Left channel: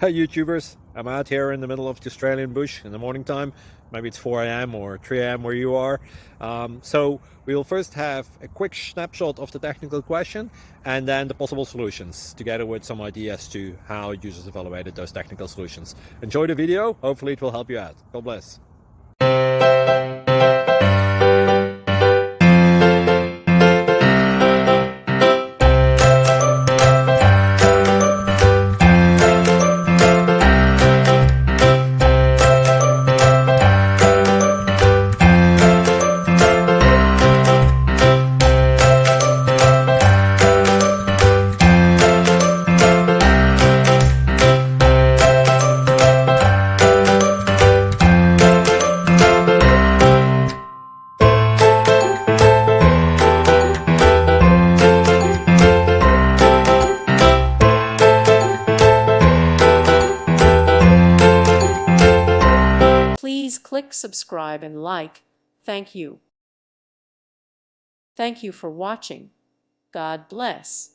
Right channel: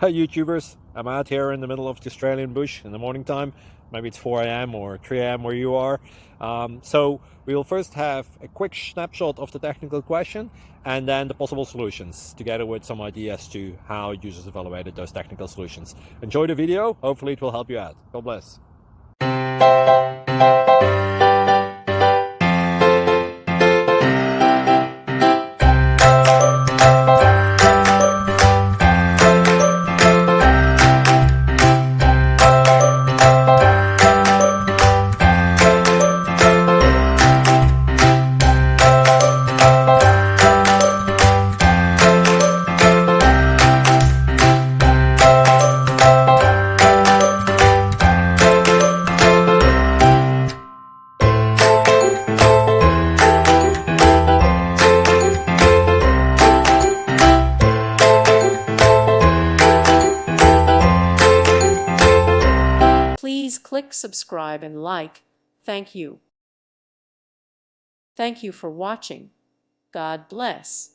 Hi YouTubers, I'm out here in the middle of the Australian bush in the morning time. Maybe it's 4 a.m. or 3 a.m. where you are. So we will first have a quick snapshot of the technical question and then the possible solutions, together with some ideas to how users evaluated those technical solutions. Enjoy the video, hopefully it will help you out. God bless. Please click subscribe and like. Thank you. Thank you for watching. God bless.